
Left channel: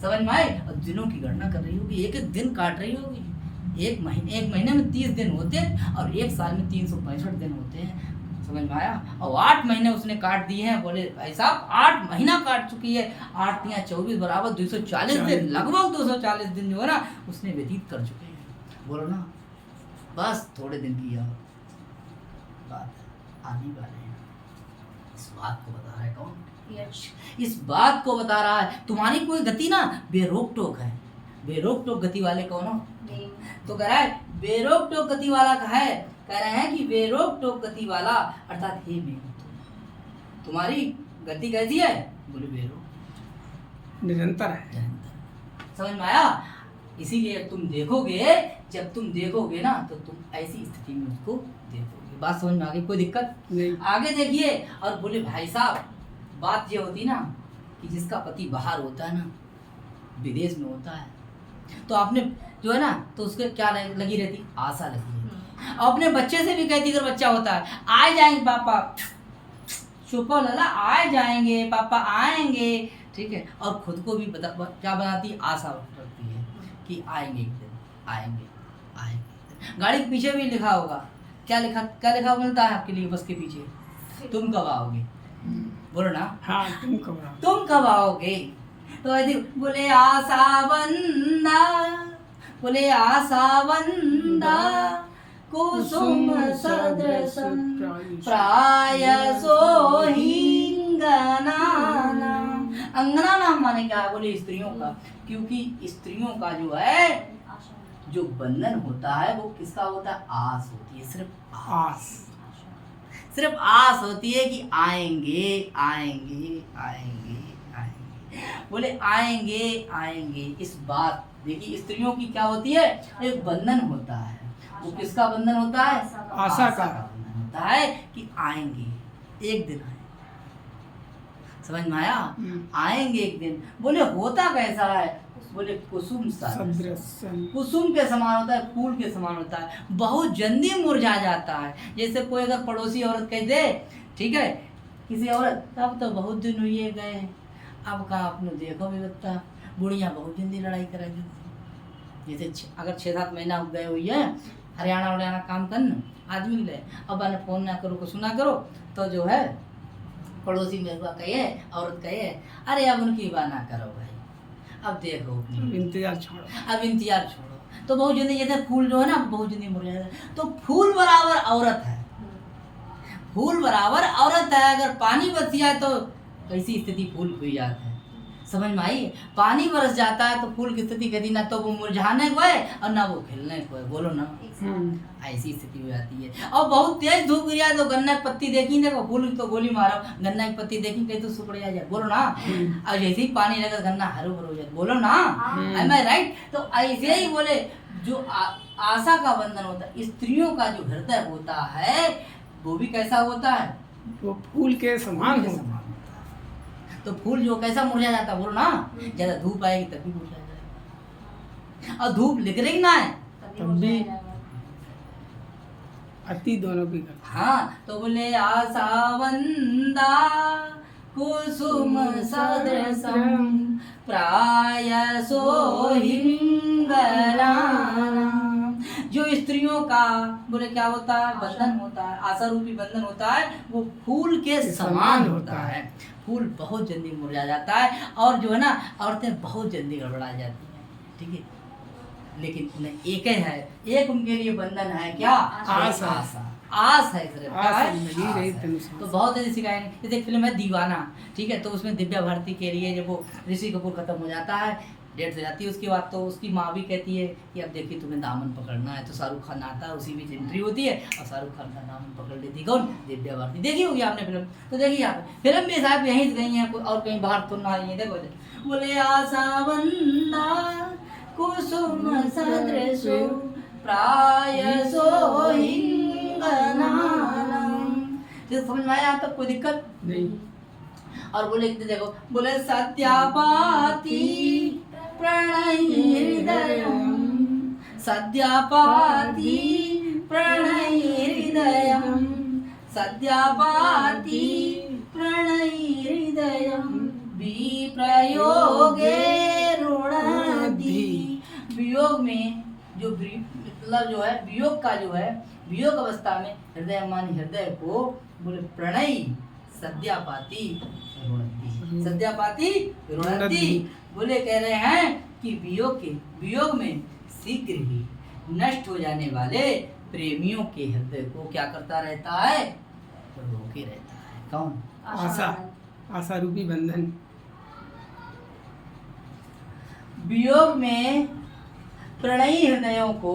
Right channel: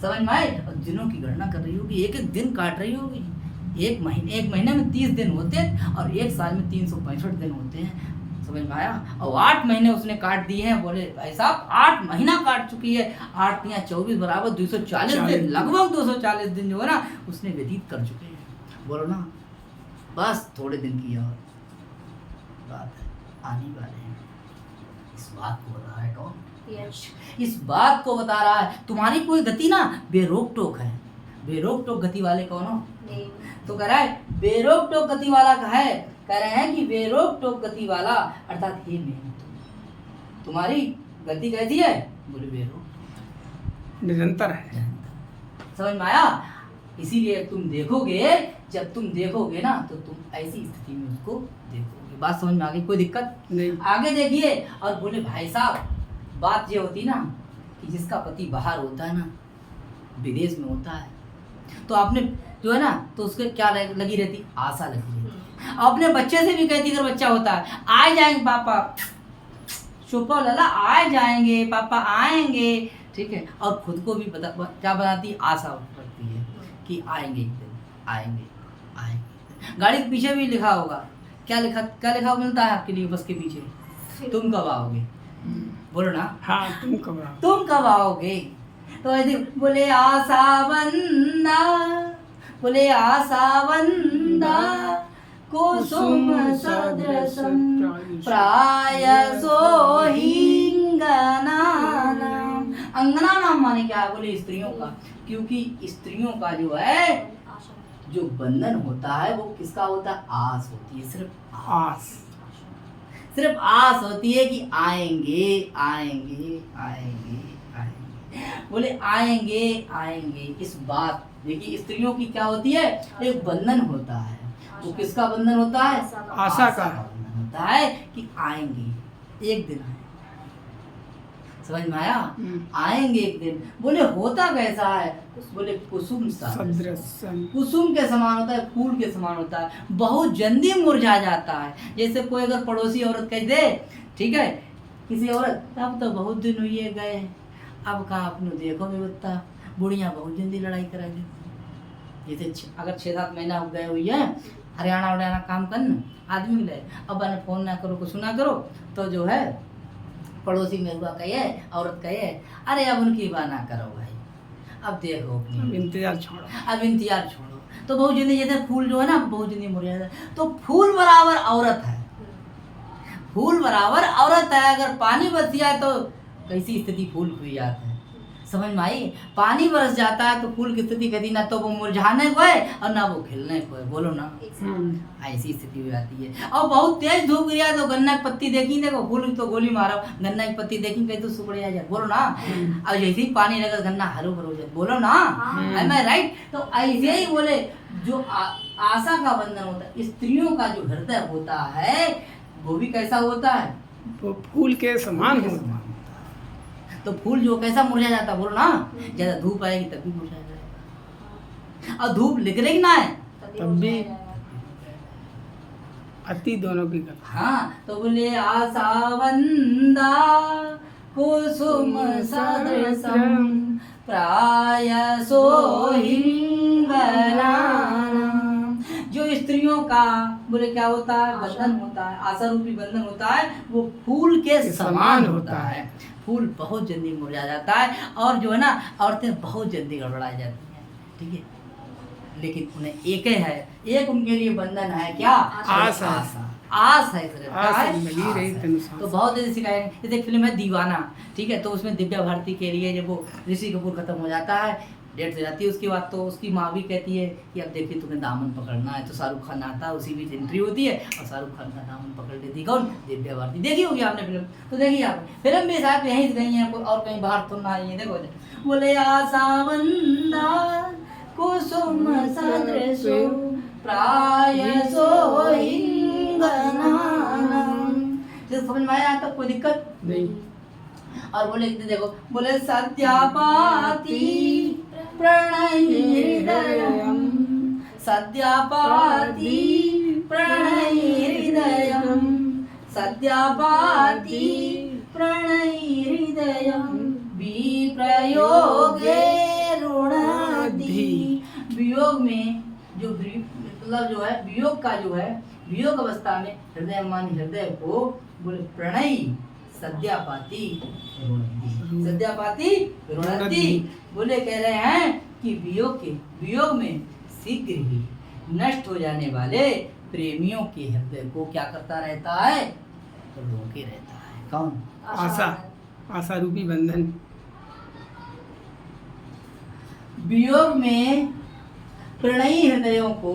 समझ में आए? और दिनों की गणना कर रही होगी, एक एक दिन काट रही होगी। एक महीने में 30 दिन होते हैं, और एक साल में 365 दिन होते हैं। समझ में आया? और 8 महीने उसने काट दिए हैं। बोले भाई साहब 8 महीना काट चुकी है, 8 या 24 बराबर 240 दिन, लगभग 240 दिन जो है ना उसने व्यतीत कर चुके हैं। बोलो ना, बस थोड़े दिन की और बात है, आने वाले हैं। इस बात को बता रहा है कौन? यश। इस बात को बता रहा है तुम्हारी कोई गति ना बेरोक टोक है। बेरोक टोक गति वाले कौन हो? देव। तो कह रहा है बेरोक टोक गति वाला है, कह रहे हैं कि बेरोक टोक गति वाला अर्थात हे मेघ तुम्हारी गति कैसी है? बोले बेरोक निरंतर है। समझ में आया? इसीलिए जब तुम देखोगे ना तो तुम ऐसी स्थिति में उसको देखोगे। बात समझ में आ गई? कोई दिक्कत नहीं। आगे देखिए। और बोले भाई साहब बात ये होती ना कि जिसका पति बाहर होता है ना, विदेश में होता है, तो आपने जो है ना तो उसके क्या लगी रहती? आशा लगी रहती। अपने बच्चे से भी कहती अगर बच्चा होता है आ जाएंगे पापा, शुक्र लाला आ जाएंगे पापा आएंगे, ठीक है। और खुद को भी क्या बनाती? आशा रखती है कि आएंगे एक दिन, आएंगे आएंगे। गाड़ी के पीछे भी लिखा होगा, क्या लिखा मिलता है आपके लिए बस के पीछे? तुम कब आओगे? बोलो ना। हाँ, तुम कब आओगे? तो ऐसे बोले आशा बंदा, बोले आशा बंदा कुसुम सदृशम प्रायसो हिंगना। अंगना नाम माने क्या है? बोले स्त्रियों का, क्योंकि स्त्रियों का जो है जो बंधन होता है वो किसका होता है? आस होती है, सिर्फ आस होती है कि आएंगे आएंगे आएंगे आएंगे। बोले आएंगे आएंगे। इस बात देखिए स्त्रियों की क्या होती है? एक बंधन होता है। वो किसका बंधन होता है? आशा का बंधन होता है कि आएंगे एक दिन आएंगे। समझ में आया? आएंगे एक दिन। बोले होता कैसा है? बोले कुसुम सदृशम, कुसुम के समान होता है, फूल के समान होता है, बहुत जल्दी मुरझा जाता है। जैसे कोई अगर पड़ोसी औरत कह दे, ठीक है, किसी औरत तब तो बहुत दिन हुए गए, अब कहाँ अपने देखो व्यवस्था, बुढ़ियाँ बहुत जल्दी लड़ाई करा देती। जैसे अगर 6-7 महीना गए हुई है हरियाणा काम करना, आदमी गए, अब फोन ना करो कुछ ना करो, तो जो है पड़ोसी में हुआ कहे, औरत कहे अरे अब उनकी बात ना करो भाई, अब देखो अब इंतजार छोड़ो। तो बहुत जल्दी जैसे फूल जो है ना बहुत जल्दी मुरझा जाता है। तो फूल बराबर औरत है, फूल बराबर औरत है। अगर पानी बरस जाए तो कैसी स्थिति फूल हुई जाती है। समझ में आई? पानी बरस जाता है तो फूल की स्थिति कभी ना तो वो मुरझाने को है और ना वो खिलने को है। बोलो ना, ऐसी स्थिति हो जाती है। और बहुत तेज धूप गिरा तो गन्ना की पत्ती देखी, देखो फूल तो गोली मारो, गन्ना की पत्ती देखी कहीं तो सुखड़ जाए। बोलो ना। और जैसे ही पानी लगा गन्ना हरो भरो जाए। बोलो ना, एम आई राइट? तो ऐसे ही बोले जो आशा का बंधन होता है, स्त्रियों का जो हृदय होता है वो भी कैसा होता है? वो फूल के समान होता है। तो फूल जो कैसा मुरझा जाता है? बोलो ना, ज्यादा धूप आएगी तब भी मुरझा जाएगा, और धूप निकलेगी ना है तब भी अति दोनों की करता। हाँ, तो बोले आशावंदा कुसुम सदृशम प्रायसो हिंगना। जो स्त्रियों का बोले क्या होता है? बंधन होता है, आशा रूपी बंधन होता है, वो फूल के समान होता है। फूल बहुत जल्दी मुरझा जाता है और जो है ना औरतें बहुत जल्दी गड़बड़ा जाती हैं, ठीक है। लेकिन उन्हें एक ही है, एक उनके लिए बंधन है क्या? आस है सिर्फ, लगी रही तो बहुत जल्दी सिखाया। जैसे एक फिल्म है दीवाना, ठीक है, तो उसमें दिव्या भारती के लिए जब वो ऋषि कपूर खत्म हो जाता है, डेट हो जाती है उसकी बात, तो उसकी माँ भी कहती है कि अब देखिए तुम्हें दामन पकड़ना है। तो शाहरुख खान आता है, उसी बीच एंट्री होती है और शाहरुख खान का दामन पकड़ लेती कौन? दिव्या भारती। देखी होगी आपने फिल्म, तो देखिए आप फिल्म भी साहब यहीं से गई है और कहीं बाहर तो ना आई है। देखो बोले आशावंदा कुसुम सदृशो प्रायसो हिंगना। समझ में आया? तब कोई दिक्कत नहीं। और बोले देखो, बोले सत्यापाती प्रणयहृदयम्, सत्यापाती प्रणयहृदयम्, सत्यापाती प्रणयहृदयम् विप्रयोगे रुणधि। वियोग में जो मतलब जो है वियोग का जो है, वियोग अवस्था में हृदय मानी हृदय को बोले प्रणय सद्यापाती रुणधि, सद्यापाती रुणधि। बोले कह रहे हैं कि वियोग में शीघ्र ही नष्ट हो जाने वाले प्रेमियों के हृदय को क्या करता रहता है? तो रोके रहता है। कौन? आशा, आशा रूपी बंधन। वियोग में प्रणयी हृदयों को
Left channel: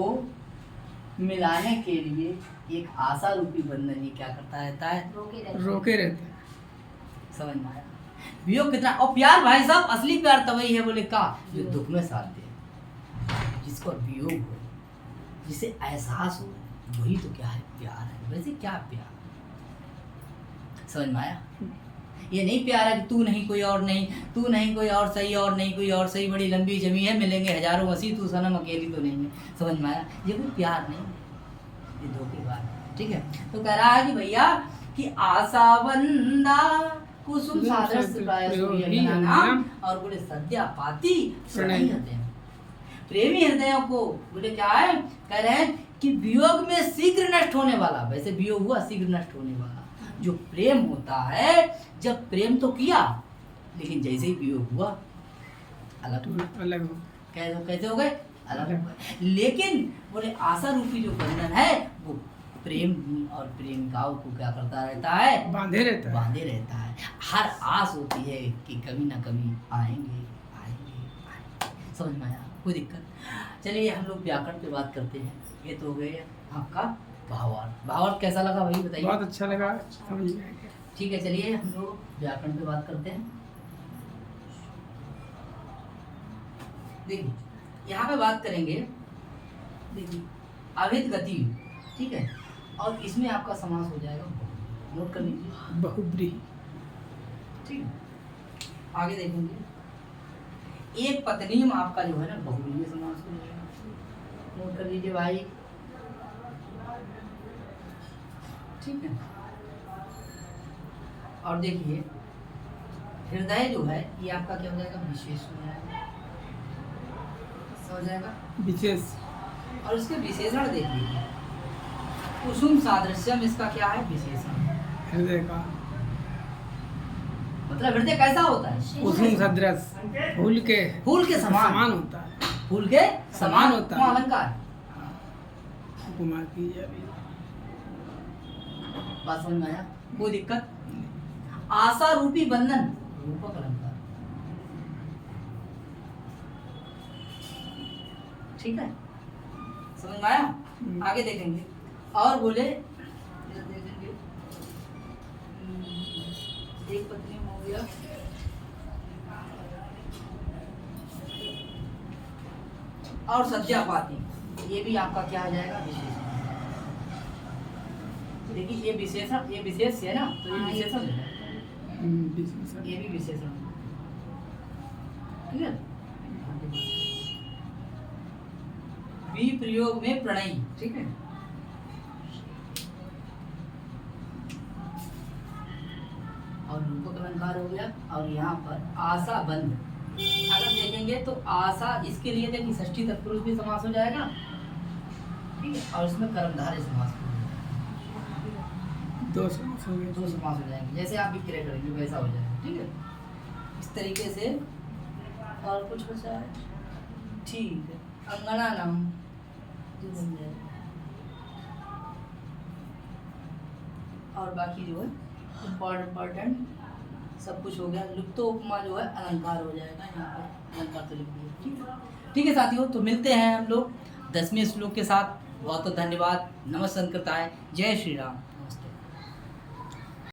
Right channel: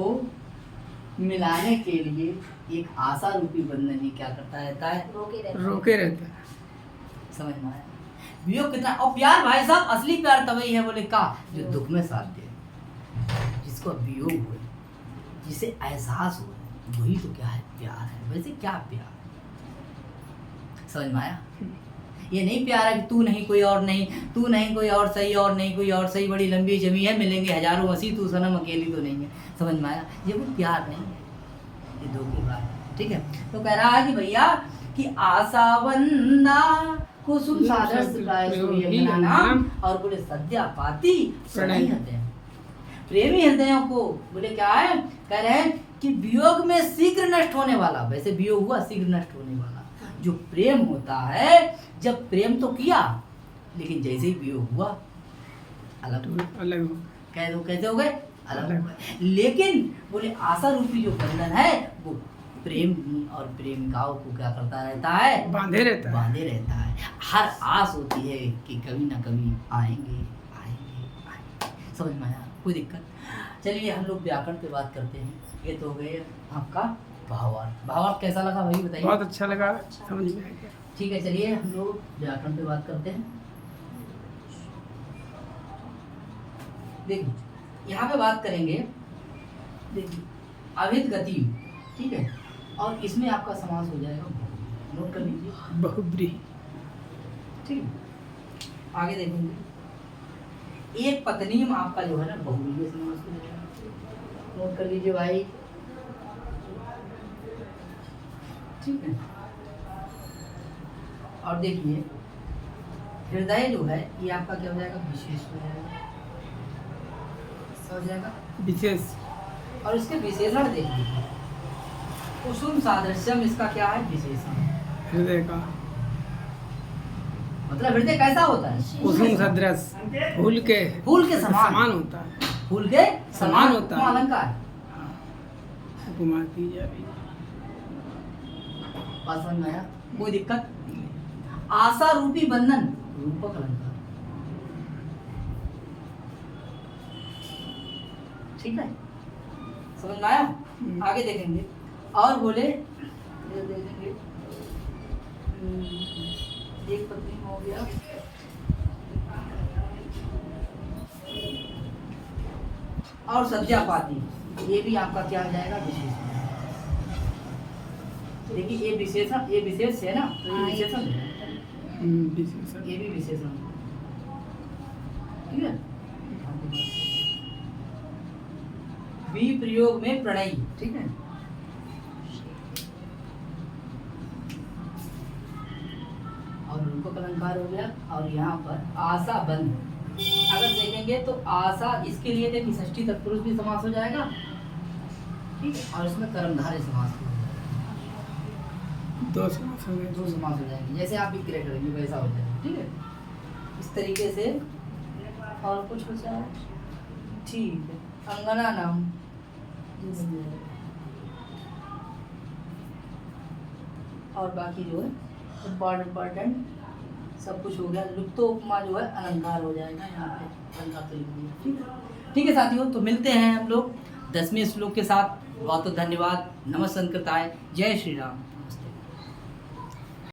मिलाने के लिए एक आशा रूपी बंधन ही क्या करता रहता है? रोके रहता है। समझ में आया? वियोग कितना, और प्यार भाई साहब असली प्यार तभी है बोले का जो दुख में साथ दे, जिसको वियोग हो, जिसे एहसास हो, वही तो क्या है प्यार है। वैसे क्या प्यार, समझ में आया? ये नहीं प्यार है कि तू नहीं कोई और नहीं, तू नहीं कोई और सही, और नहीं कोई और सही, बड़ी लंबी जमी है, मिलेंगे हजारों हंसी, तू सनम अकेली तो नहीं है। समझ में आया? ये भी प्यार नहीं है, ये धोखेबाज है। ठीक है, तो कह रहा है कि भैया कि आशा बंदा कुसुम सादर प्राय नाम, और बोले सद्या पाती प्रणयी हृदय, प्रेमी हृदयों को बोले क्या है, कह रहे हैं कि वियोग में शीघ्र नष्ट होने वाला, वैसे वियोग हुआ शीघ्र नष्ट होने वाला जो प्रेम होता है, जब प्रेम तो किया लेकिन जैसे ही वियोग हुआ अलग अलग हो, कह दो कैसे हो गए, अलग हो गए। लेकिन बोले आशा रूपी जो बंधन है वो प्रेम और प्रेमिकाओं को क्या करता रहता है, बांधे रहता है, बांधे रहता है। हर आस होती है कि कभी ना कभी आएंगे आएंगे आएंगे। समझ में आया? कोई दिक्कत? चलिए हम लोग व्याकरण पे बात करते हैं। ये तो हो गए आपका भावार्थ। भावार्थ कैसा लगा वही बताइए। बहुत अच्छा लगा, समझ में आ गया। ठीक है, चलिए हम लोग व्याकरण पे बात करते हैं। देखिए यहाँ पे बात करेंगे, देखिए अभिध गति, ठीक है, और इसमें आपका समास हो जाएगा, नोट कर लीजिए, बहुब्रीहि। ठीक है, आगे देखेंगे एक पत्नी में आपका जो है ना बहुब्रीहि समास हो जाएगा, नोट कर लीजिए भाई। ठीक है, और देखिए हृदय जो है ये आपका क्या हो जाएगा, विशेष हो जाएगा, हो जाएगा विशेष। और इसके विशेषण देख लीजिए, कुसुम सादृश्यम, इसका क्या है विशेषण, हृदय का मतलब हृदय कैसा होता है, कुसुम सदृश, फूल के समान होता है, फूल के समान होता है। अलंकार हाँ, उपमा की जा रही है। बात समझ में आया? कोई दिक्कत? आशा रूपी बंधन रूपक अलंकार, ठीक है, समझ में आया? आगे देखेंगे और बोले देखेंगे एक पत्नी हो गया, और सज्जा पाती, ये भी आपका क्या आ जाएगा, विशेषण। देखिए ये विशेषण, ये विशेष है ना, तो ये विशेषण है, विशेषण। ये भी विशेषण, ठीक है। बी प्रयोग में प्रणयी, ठीक है, और रूपक अलंकार हो गया, और यहाँ पर आशा बंध, अगर देखेंगे तो आशा, इसके लिए देखिए षष्ठी तत्पुरुष भी समास हो जाएगा, ठीक है, और इसमें कर्मधारय समास हो जाएगा, दो समास हो गए, दो समास हो जाएंगे, जैसे आप विक्रय करेंगे वैसा हो जाएगा, ठीक है, इस तरीके से। और कुछ बचा है, ठीक है, अंगना नाम ये बन जाएगा, और बाकी जो है इम्पोर्टेंट सब कुछ हो गया। लुप्तो उपमा जो है अलंकार हो जाएगा, यहाँ पे अलंकार तो लिख दिया, ठीक है। ठीक है साथियों, तो मिलते हैं हम लोग 10वें श्लोक के साथ। बहुत बहुत धन्यवाद। नमः संकृताय, जय श्री राम।